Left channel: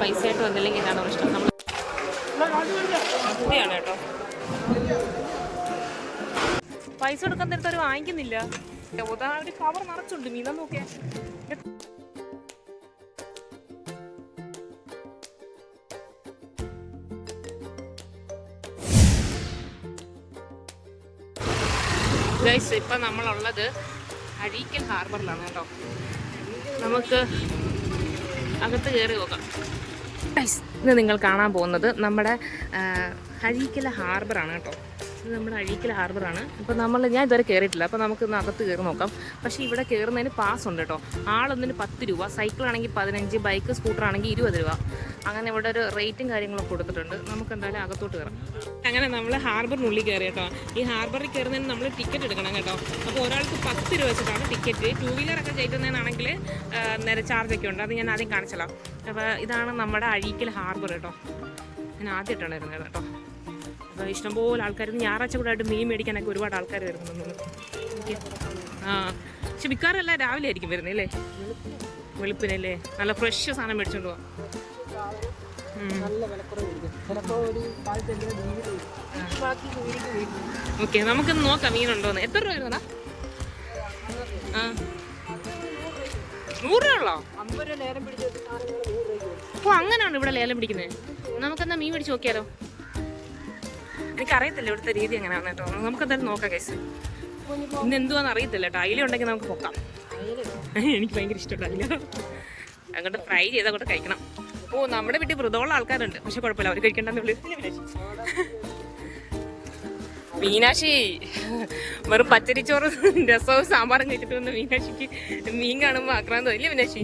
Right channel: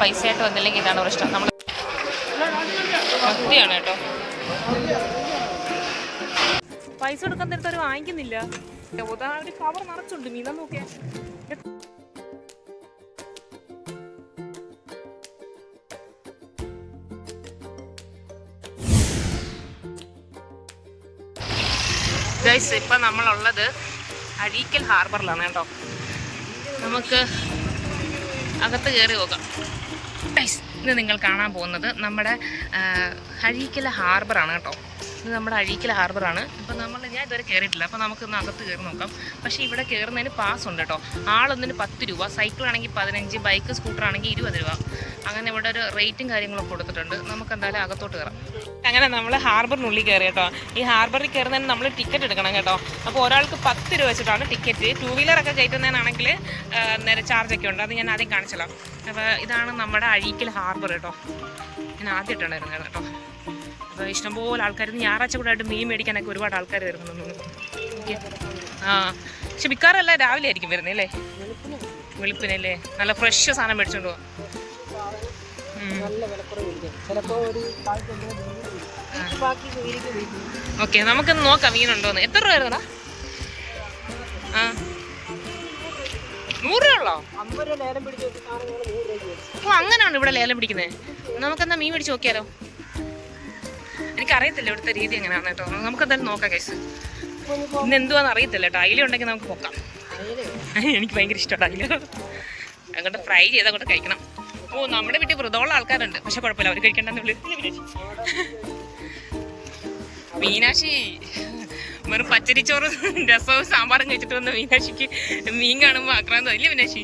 പൈസയായിട്ട് വന്നില്ലെങ്കിൽ ഇതാണ് പ്രശ്നം. നമ്മൾ മത്തിയാണ് കേട്ടോ. പൈസ കൊടുക്കാൻ നേരത്തെ അവർ വാങ്ങിക്കുന്നില്ല. ഒരു കവർ നിറച്ചുണ്ട് മീൻ. നോക്കിയാ ഗൈസ്, ഇപ്പം നമ്മളുള്ളത് അഴീക്കൽ ഹാർബറിലാണ് കേട്ടോ. നമുക്ക് അകത്ത് കയറി പോകാം. ഗൈസ്, ഇന്ന് നിങ്ങൾ കാണാൻ പോകുന്നത് നമ്മുടെ അഴീക്കൽ ഹാർബറാണ് കേട്ടോ. ഇത് നമ്മുടെ അഴീക്കൽ ഹാർബറാണ്. ഇപ്പം ഞാൻ ഇതുവരെ കയറിയിട്ടില്ല. അപ്പോൾ നമുക്ക് ഇന്ന് അകത്ത് കയറി നോക്കാം. പക്ഷേ ഇവിടെ കയറുന്നതിന് പാസ് ഉണ്ട് കേട്ടോ. ആളൊന്നിന് 10 രൂപ, സൈക്കിളാണെങ്കിൽ 15, ബൈക്ക് സ്കൂട്ടർ ആണെങ്കിൽ 20 രൂപ. അങ്ങനെ ഇവിടെ ഒരു റേറ്റും കാര്യങ്ങളൊക്കെ കൊടുത്തിട്ടുണ്ട്. നമുക്ക് എന്തായാലും അകത്തോട്ട് കയറാം. അങ്ങനെ നമ്മൾ ഹാർബറിനുള്ളിൽ കയറി കേട്ടോ. ഈ ഹാർബറിൽ കയറുന്നതിന് നമ്മൾ ടിക്കറ്റ് എടുക്കണം കേട്ടോ. അപ്പോൾ ഒരാൾക്ക് 10 രൂപ വെച്ചിട്ടാണ് ടിക്കറ്റ്. 2 വീലറൊക്കെ കയറ്റുന്നതിനാണെങ്കിൽ നേരെ ചാർജൊക്കെ ഉണ്ട്. അത് ഞാൻ ആദ്യം കാണിച്ചല്ലോ. അപ്പോൾ ഇതാണ് നമ്മുടെ അഴീക്കൽ ഹാർബർ കേട്ടോ. ഞാൻ ആദ്യമായിട്ടാണ് വരുന്നത് കേട്ടോ. അപ്പോൾ ഇഷ്ടംപോലെ ആൾക്കാർ ഞായറാഴ്ച കൂടെ ആയിട്ട് മീൻ മേടിക്കാനൊക്കെ ഒരുപാട് ആൾക്കാർ വരുന്നുണ്ടെന്ന് തോന്നുന്നു. ഓക്കെ. പക്ഷെ മിക്കാറെല്ലാം രാവിലെ ആയിരിക്കും വരുന്നത് അല്ലേ? വെളുപ്പിനല്ലേ? നല്ല ഫ്രഷ് സാധനം മേടിച്ചോണ്ട് പോവാം. ഓക്കെ, നമുക്കൊന്ന് നോക്കാം മീനുണ്ടോന്ന്. എത്ര രൂപ വരുന്നടാ? 100 രൂപ ഉള്ളോ? ഓ, അങ്ങനെയാണ് ഇവിടെ ലേലം പിടിക്കുന്നത്. നമുക്കെന്നാ മീൻ മേടിച്ച് നോക്കിയാലോ? എനിക്കറിയത്തില്ല ഇവിടുത്തെ രീതി എങ്ങനെയാണ് കേട്ടോ. നമുക്കെന്തായാലും നോക്കാം കേസ്. ഇന്ന് എന്തുവാന്ന് അറിയത്തില്ല കേട്ടോ. അയില ഉണ്ടെങ്കിൽ നമുക്ക് നോക്കാം. എനിക്ക് ഭയങ്കര ഇഷ്ടമാണ് അയില. അങ്ങോട്ട് ഫ്രൈ ചെയ്ത് അങ്ങോട്ട് കഴിക്കണം. ഓ, നമ്മുടെ വീട്ടിൽ വ്രതമുള്ള ആൾക്കാരുണ്ട്. പക്ഷെ കുഴപ്പമില്ല, അവർ കഴിക്കണ്ടെന്ന് വിളി. മീനാക്ഷി വെറും പച്ചരിച്ചോറ് രസവും സാമ്പാറും കഴിച്ചിട്ട് വന്ന മീനാക്ഷിക്ക് മീൻ കാണുമ്പോൾ ആക്രാന്തം ഇല്ലേ മീനാക്ഷി?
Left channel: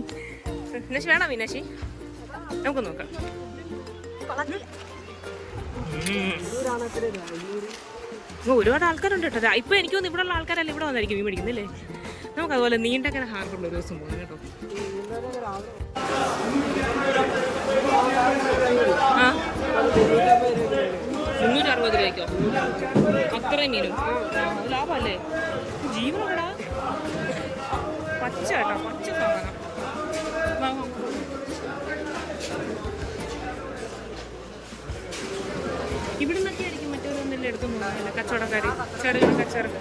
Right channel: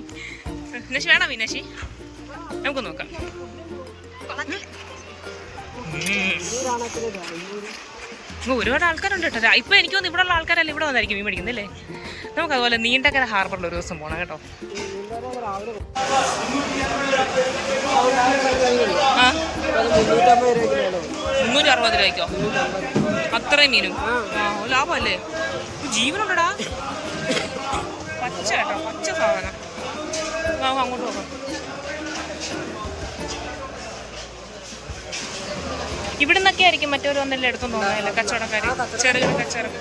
മീനാക്ഷി വേണോ? മീനാക്ഷി നമുക്ക് നോക്കാം. ഒരുപാട് ആൾക്കാരുണ്ട് കേട്ടോ. ഇപ്പൊ എനിക്ക് തോന്നുന്നു ഇവിടെ ഉള്ള ആൾക്കാരല്ല ഇവിടെ വന്നായിരിക്കും മീൻ മേടിക്കുന്നല്ലേ. നമുക്ക് അതുപോലെ നീണ്ടകര ഹാർബറിൽ ഒരു ദിവസം പോകണം കേട്ടോ. 360 രൂപയ്ക്കോ? അത്രയും മീനും ലാഭമല്ലേ? ജീവനുണ്ടടാ. പച്ച കേട്ടോ, പച്ച സാധനം. നമുക്ക് അങ്ങോട്ട് പോകാം. ഇവിടെ നിന്നൊക്കെ ആയിരിക്കും മറ്റവർ വന്നെല്ലാം എടുത്തു തോന്നുന്നതല്ലേ കച്ചവടക്കാർ, ചെറുകിട കച്ചവടം.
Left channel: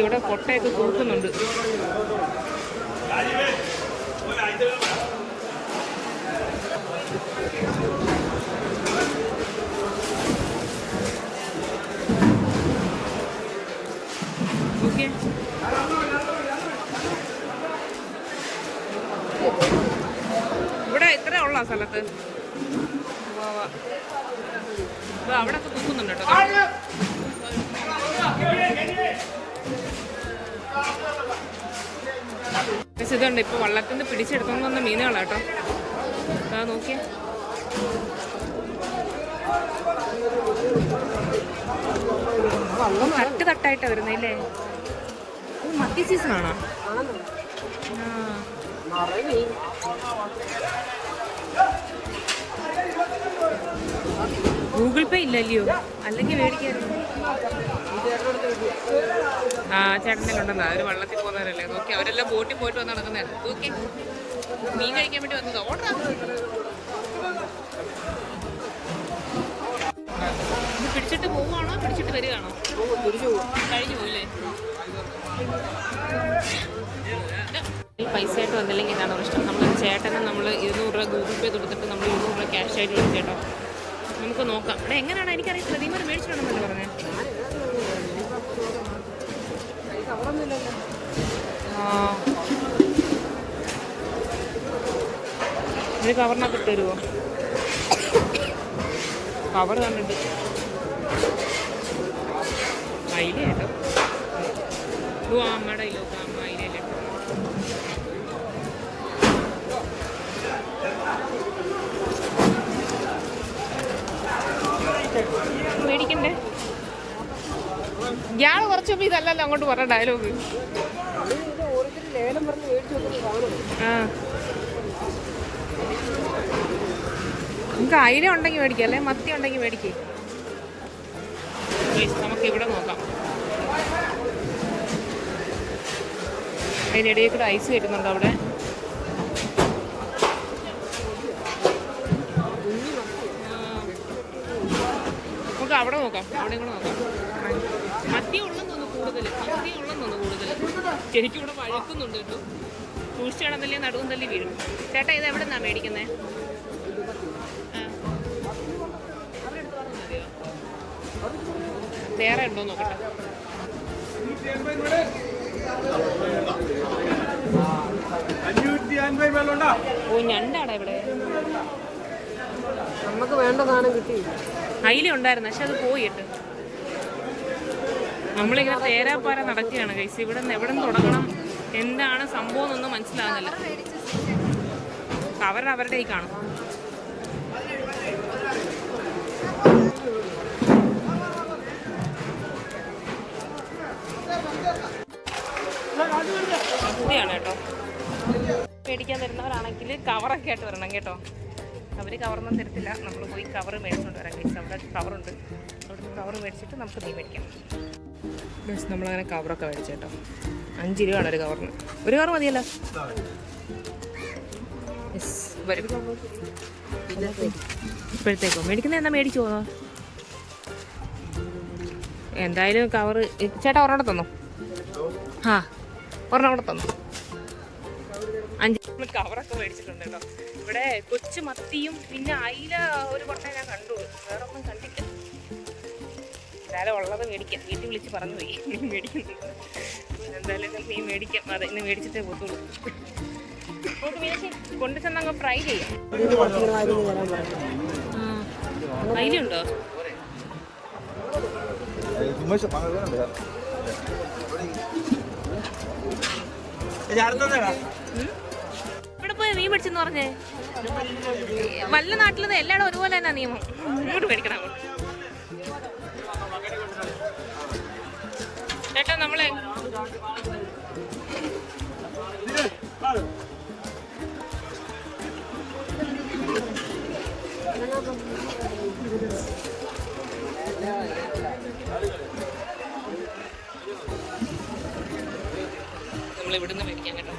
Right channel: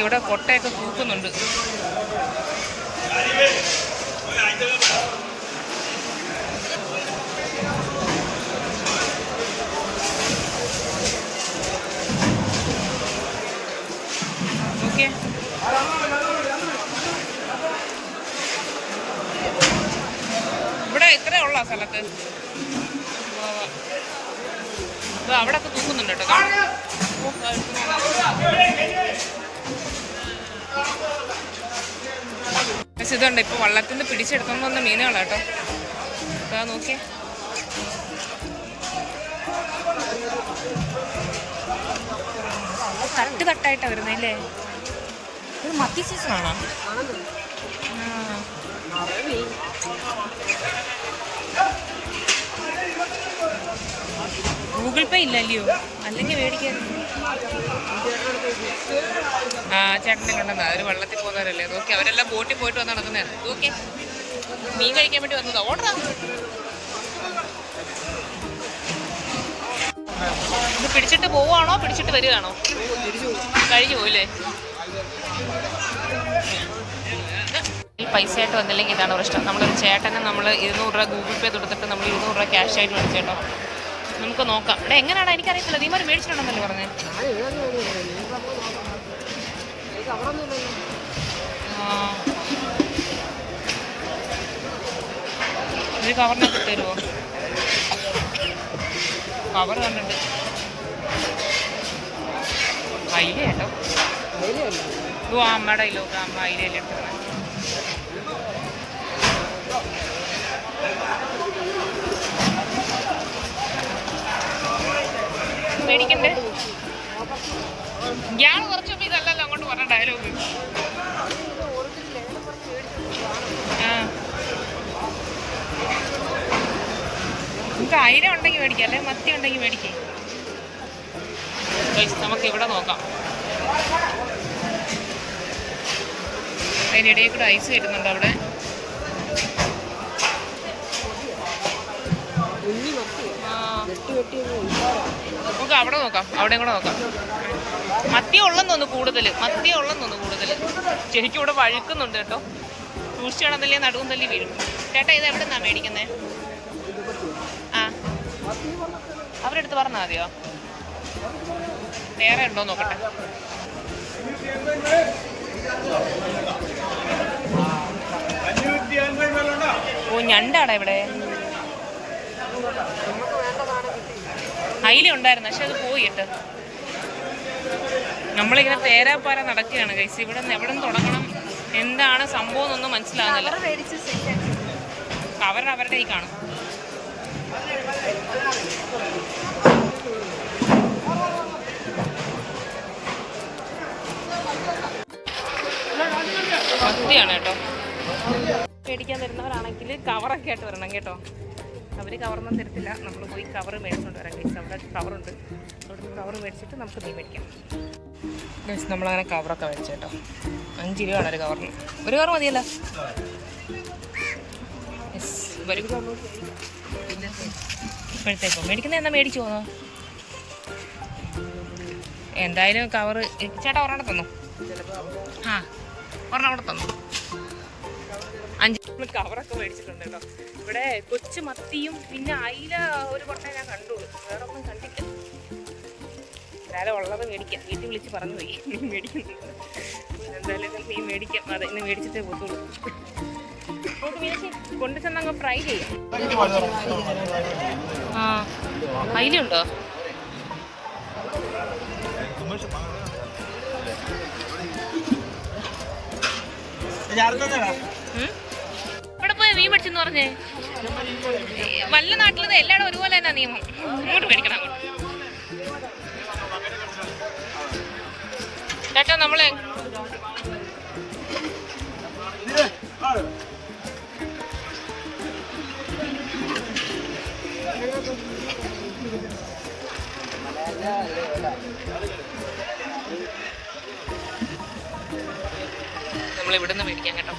ഇവിടെ കൊട്ടയൊക്കെ തൂക്കുന്നുണ്ട്. ഓക്കെ, ഇവിടെ ഇത്രേ ഉള്ള സ്ഥലത്ത് അവിടെ ഒക്കെ തൂക്കുന്നുണ്ട് കേട്ടോ. പക്ഷെ ഇതുണ്ട്, ഇപ്പൊ വള്ളത്തിൽ നിന്ന് പിടിച്ചെടുത്തോണ്ട് വന്ന മീനുകളാട്ടോ. ഇതാ നോക്കിയേ. തട്ട് തട്ടായിട്ടാ വരുന്നല്ലേ? ഇത് മത്തി സീസണാണോ? ഗൂഗിൾ പേ ഇല്ലല്ലയോ? അല്ലെങ്കിൽ മേടിക്കായിരുന്നു. ചേട്ടനെ കണ്ടെന്നാ, അവര് വള്ളത്തിൽ പോകുന്നവരല്ലേ. നോക്കി അവരെല്ലാം ബോട്ടിൽ പോയിട്ട് വന്ന് നടക്കുന്നതാണ്. ഓക്കെ, മീൻ കഴിക്കാൻ വേണ്ടി വന്നതാ. ഓർഡറാ. ഇത് പിടിച്ചിട്ട് പോവാണോ പിടിച്ചിട്ട് വരികയാണോ? കഴിഞ്ഞു പോയില്ലേ? ഈ പൈസയായിട്ട് വന്നില്ലെങ്കിൽ ഇതാണ് പ്രശ്നം. നമ്മളൊരു ചേട്ടനെ നമ്മൾ 200 രൂപ ഗൂഗിൾ പേ കൊടുത്തിട്ട് നമ്മൾ 200 രൂപ ക്യാഷ് ആയിട്ട് മേടിച്ചേട്ടോ. നമുക്ക് നോക്കാം. ഇവിടെ എങ്ങനെയാണോ എനിക്കറിയത്തില്ല. നീമാര് മേടിച്ചിട്ടുണ്ടെന്നല്ലേ പറഞ്ഞേ? ഒരു കവറിനകത്ത് തരുമോ? കവർ കണ്ടിട്ട് അയില കേട്ടോ. അമ്മയുടെ അയിലൊക്കെ അമ്മ അയിലല്ലേ എടുക്കുന്നത്. മേടിക്കണ്ടേ? ഇയാൾ കുറച്ചപ്പോൾ ഇതല്ലല്ലോ അങ്ങോട്ട് പറഞ്ഞ ഡയലോഗ്. നിങ്ങൾക്ക് അയില ഉണ്ടെങ്കിൽ മേടിക്കാം, അല്ലെ മത്തി ഉണ്ടെങ്കിൽ മേടിക്കേ. നമുക്ക് ഇവിടെ നോക്കാം. അതിനിടയിൽ കൂടെ ഐസ് കയറ്റുന്നുണ്ട് അവിടെ. നമുക്ക് അവിടെ നോക്കാം, അവിടെയും കൂടെ നോക്കാം. മത്തിയ ഉള്ളെന്ന് തോന്നുന്നു കൂടുതൽ. ശരിക്കും ഇവിടെ വഴുക്കുന്നുണ്ട് കേട്ടോ. സൂക്ഷിച്ച് കിടന്നല്ലേ നടുവും തല്ലി വീഴും. ചേട്ടാ ഇത് എവിടെ നിന്നാണ് മേടിക്കുന്നത്? ആ, അവരെടുത്ത് പറഞ്ഞാൽ മതിയോ? വേറെ ഉണ്ടോ നോക്കട്ടെ. ഓ, ഞണ്ടാടാ ഇവിടെ. അയില ഉണ്ടായിരുന്നു, പക്ഷെ അത് പോയിട്ട്. നമ്മളിങ്ങനെ തേരാപ്പാര നടക്കുകയാണ് കൈസ്. ഇവിടെ നിന്ന് എവിടെ നിന്ന് തുടങ്ങണം, എന്താണ് സംഭവം എന്നൊന്നും മനസ്സിലാകുന്നില്ല. അവരുടെ ഈ കാണും. മത്തിയാണ് കേട്ടോ. മേടിക്കാൻ തരുന്നവരാണെങ്കിൽ കവറൊക്കെ ആയിട്ട് വരണം കേട്ടോ. അവർ കവറൊന്നും തരത്തില്ല. നമ്മൾ പോയി കവർ മേടിച്ചുകൊണ്ട് വരാം കഴിച്ച്. അവിടെ കവറുണ്ട്, അവിടെ കവർ മേടിച്ചിട്ട് നമുക്ക് മീൻ മേടിക്കാം. നമ്മളങ്ങനെ കവറൊക്കെ മേടിച്ചു കേട്ടോ. 5 രൂപയാണ് ഒരു കവറിന്. ഒരു കവർ മതിയല്ലോ. യെസ്, വരും. ഇപ്പോഴത്തേക്കോ മേടിക്കുന്നത് എന്നാ മേടിച്ചു പോന്നോ? എന്തായാലും കവറ് ചേട്ടാ ഒരെണ്ണം തന്നു. ആ, ഒരെണ്ണം കൂടെ തന്നു. 5 കവറൊക്കെ മേടിച്ചിട്ടുണ്ട് കേട്ടോ. ഇവിടെ കൊച്ചു മത്തിയും പിന്നെ അയില ഒരു കൊട്ട ഞാൻ കണ്ടു, വേറെ ഒന്നും കണ്ടില്ല. എന്തായാലും ഉള്ളത് മേടിക്കാം. വീട്ടിൽ വിളിച്ച് പറഞ്ഞു പോയി മീൻ മേടിക്കുന്നുണ്ട്. എന്തായാലും മീൻ മേടിക്കാം. അതെ, ഇന്ന് മേടിച്ചിട്ടേ പോത്തുള്ളൂ. നമുക്ക് മീനച്ചി കൊണ്ടു ചെന്നങ്ങ് ഫ്രൈ ചെയ്യാം. ആ, അയിലുണ്ടോ? ഇവിടെ പോയി മീൻ മേടിച്ചെന്ന് പറഞ്ഞേ. വല്ല നാട്ടിലത് എല്ലായിടും ഒരുപോലെ തന്നെ നിയമം. ഇങ്ങോട്ട് മേടിക്കണം. അങ്ങോട്ട് ചേട്ടാ നമ്മളെ നമ്മളിവിടുന്ന് മേടിക്കാം കേട്ടോ.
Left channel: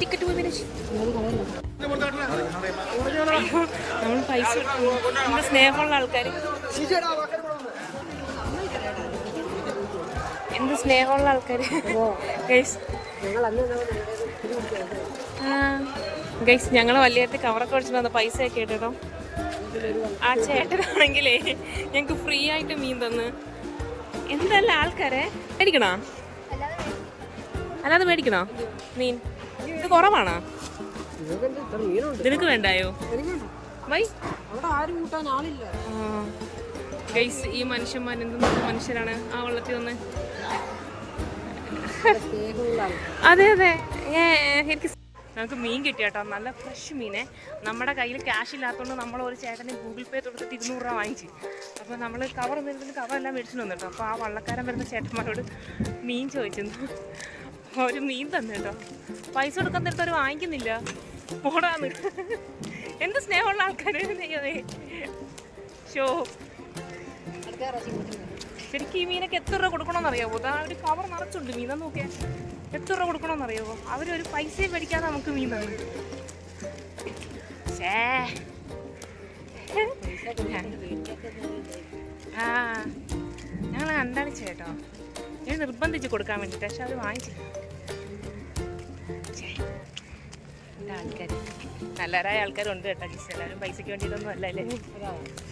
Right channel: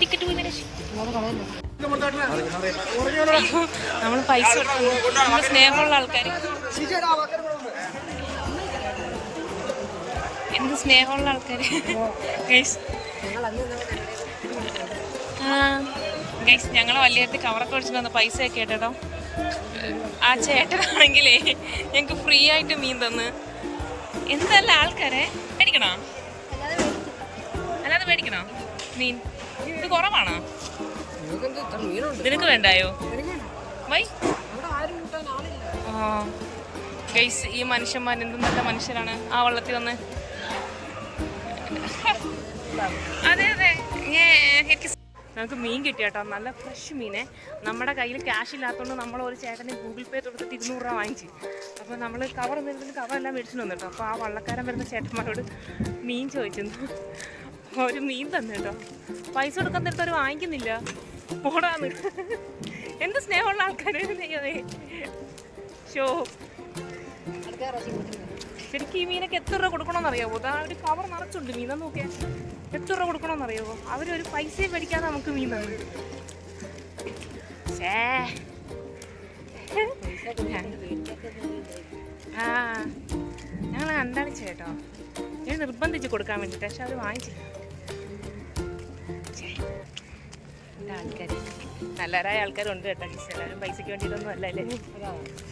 ടിക്കറ്റ് നമ്മൾ പൈസ കൊടുക്കുന്നു. നമ്മൾ സ്നേഹമുള്ള ആൾക്കാർ, എന്ത് സ്നേഹമുള്ള ആൾക്കാർ. ഗൈസ് ഞങ്ങൾ വലിയ കവറൊക്കെ മേടിച്ചിട്ട് വന്ന പൈസയൊക്കെ കേട്ടോ. ആ ചേട്ടനാണെങ്കിലേ ഞങ്ങൾക്ക് ഫ്രീ ആയിട്ട് മീൻ തന്ന്. എന്തല്ല ആൾക്കാരെ മേടിക്കണോ? അല്ലാതെ മേടിക്കണോ മീൻ? ഇത് കുറവാണോ? നിനക്ക് വേണ്ടായോ? വൈ ഗൈസ്, ഈ മനുഷ്യന്മാർ എന്തും നല്ല മനുഷ്യരാണ്. ആ വള്ളത്തിൽ വന്ന് അതെ എനിക്ക് നമുക്ക് മീൻ കിട്ടി കേട്ടോ. നല്ല ഫ്രഷ് മീനെ. നമ്മുടെ കയ്യിൽ ക്യാഷ് ഇല്ലാത്തതുകൊണ്ട് നമ്മൾ ഒരു ചേട്ടന് ഗൂഗിൾ പേ കൊടുത്തിട്ട് 200 രൂപ വാങ്ങിച്ചു. അപ്പോൾ നമ്മൾ കവറെല്ലാം മേടിച്ചിട്ട് വന്നു കേട്ടോ. അപ്പോൾ ആ വള്ളക്കാരൻ വരുന്ന ചേട്ടന്മാരോട് മീൻ ചോദിച്ചിരുന്നു. ഒരു മീൻ തന്നെ കേട്ടോ. പൈസ കൊടുക്കാൻ നേരത്തെ അവർ വാങ്ങിക്കുന്നില്ല. പോടാന്ന്. എന്ത് സ്നേഹമുള്ള ആൾക്കാരെ ഷോ. ശരിക്കും ഈ മീനൊക്കെ എത്ര രൂപ കൊടുക്കണമെന്ന് അറിയാമോ? അതാ ഒരു കവർ നിറച്ചുണ്ട് മീൻ. നോക്കിയാൽ എത്ര രൂപ കൊടുക്കണമെന്ന് അറിയാമോ? അവരൊരു പൈസയും മേടിക്കാതെ നമുക്ക് മീൻ തന്നു. ആ, ഞങ്ങൾ കണ്ടടിച്ചു കേട്ടോ. ഞാൻ നിർബന്ധിച്ച് കൊടുക്കാൻ വേണ്ടിയിട്ട്, പക്ഷെ അവർ വാങ്ങിച്ചില്ല. ആൾക്കാർ നല്ലവരായ ആൾക്കാരുണ്ട് കേട്ടോ. എല്ലാവരും പൈസയ്ക്ക് വേണ്ടിയിട്ടൊന്നും അല്ല അല്ലേ.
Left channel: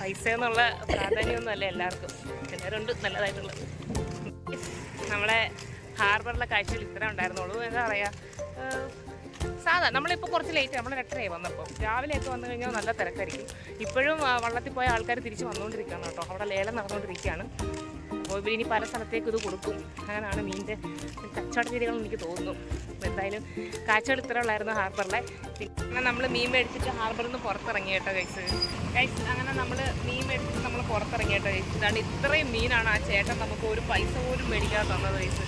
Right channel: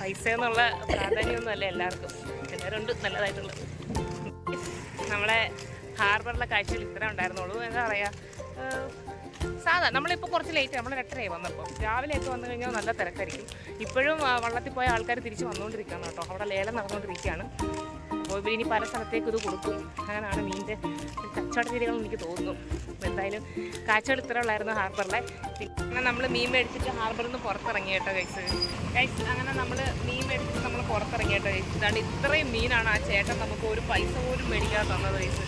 പൈസ എന്നുള്ള പ്രാധാന്യമൊന്നും അല്ല എല്ലാവർക്കും. എല്ലാവരുണ്ട് നല്ലതായിട്ടുള്ള. നമ്മളെ ഹാർബറിലെ കാഴ്ചയിൽ ഇത്ര ഉണ്ടായിരുന്നുള്ളൂ. എന്താ പറയുക, സാധാ നമ്മളിപ്പോൾ കുറച്ച് ലേറ്റ്, നമ്മൾ 8:30 വന്നപ്പോൾ. രാവിലെയൊക്കെ വന്നു കഴിഞ്ഞാൽ നല്ല തിരക്കായിരിക്കും. ഇപ്പോഴും വള്ളത്തിൽ പോയ ആൾക്കാർ തിരിച്ച് വന്നുകൊണ്ടിരിക്കുകയാണ് കേട്ടോ. അവിടെ ലേലം നടന്നുകൊണ്ടിരിക്കുകയാണ്. അപ്പോൾ ഇവരിനി പല സ്ഥലത്തേക്ക് ഇത് കൊടുക്കും. അങ്ങനെയാണ് മീനിൻ്റെ കച്ചവട രീതികൾ എനിക്ക് തോന്നുന്നു. അപ്പോൾ എന്തായാലും കാഴ്ചകൾ ഇത്ര ഉള്ളായിരുന്നു ഹാർബറിലെ. പിന്നെ നമ്മൾ മീൻ മേടിച്ചിട്ട് ഹാർബറിൽ നിന്ന് പുറത്തിറങ്ങി കേട്ടോ ഗൈസ്. അങ്ങനെ നമ്മൾ മീൻ മേടിച്ചിട്ട് നമ്മൾ പുറത്തിറങ്ങി കേട്ടോ ഗൈസ്. ഇതാണ് ഇത്രയും മീനാണ് ആ ചേട്ടൻ നമുക്ക് ഒരു പൈസ പോലും മേടിക്കാതെ തന്നത് ഗൈസ്.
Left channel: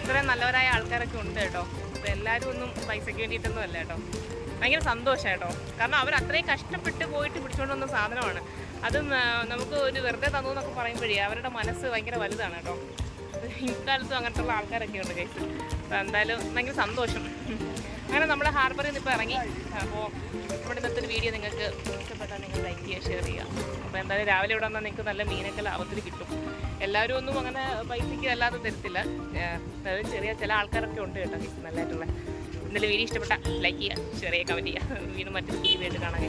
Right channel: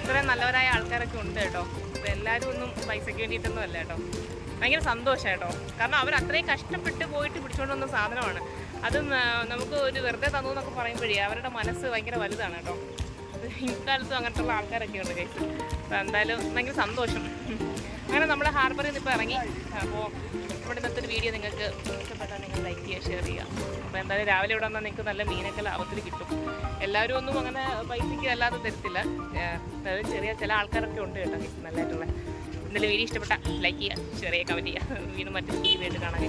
ഇത്രയും നല്ലവരായ ആൾക്കാരൊക്കെ ഉണ്ട് കേട്ടോ. അപ്പോൾ എല്ലാവരും ഒന്നും പൈസയ്ക്ക് വേണ്ടിയിട്ടൊന്നും അല്ല കേട്ടോ. ഭയങ്കര സന്തോഷം കേട്ടോ. കാരണം അവർ അത്രയും കഷ്ടപ്പെട്ട് പോയിട്ട് പിടിച്ചുകൊണ്ട് വന്ന സാധനമാണ്. അതും നമുക്ക് ഒരു വെറുതെ തന്നു എന്നൊക്കെ പറയുമ്പോഴേ അവരുടെ മനസ്സ് ഭയങ്കര വലുതാണ് കേട്ടോ. ഇക്കാലത്തും അങ്ങനത്തുള്ള ആൾക്കാരൊക്കെ ഉണ്ട് കേസ്. അപ്പോൾ എന്തായാലും ഭയങ്കര സന്തോഷം. അങ്ങനെ നമ്മൾ ഹാർബറിൽ നിന്ന് ഇപ്പോൾ ഇറങ്ങി. അപ്പോൾ നമ്മുടെ ഇന്നത്തെ ഒരു വീഡിയോ നിങ്ങൾക്ക് ഇഷ്ടപ്പെട്ടാൽ നിങ്ങൾ ലൈക്ക് ചെയ്യുക, ഷെയർ ചെയ്യുക. അപ്പോൾ എന്തായാലും രാവിലെ ഇവിടെ വന്നാൽ നിങ്ങൾക്ക് നല്ല മീനൊക്കെ ലാഭത്തിൽ കിട്ടും. എല്ലാവരും ഒന്നും അങ്ങനെ പൈസയ്ക്ക് അല്ലാതെ തരത്തില്ല. അതായത് ചില ആൾക്കാരൊക്കെ ഉണ്ട് കേട്ടോ നല്ലതായിട്ടുള്ള. എന്തായാലും വീഡിയോ ഇഷ്ടപ്പെട്ടാൽ ലൈക്ക് ചെയ്യുക, ഷെയർ ചെയ്യുക, കമൻറ്റ് ചെയ്യുക. വീണ്ടും മറ്റൊരു വീഡിയോ ആയിട്ട് കാണാൻ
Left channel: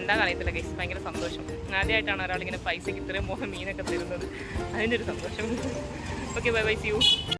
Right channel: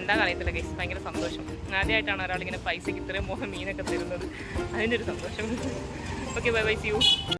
എന്താ അറിയത്തില്ല കേസ്. ഭയങ്കര സന്തോഷം. ആദ്യമായിട്ടാണ് ഒരാളിങ്ങനെ പൈസയ്ക്ക് ഇത്രയും മീനൊക്കെ തരുന്നത്. അതിൻ്റെ ഒരു സന്തോഷം. Okay, bye bye, see U.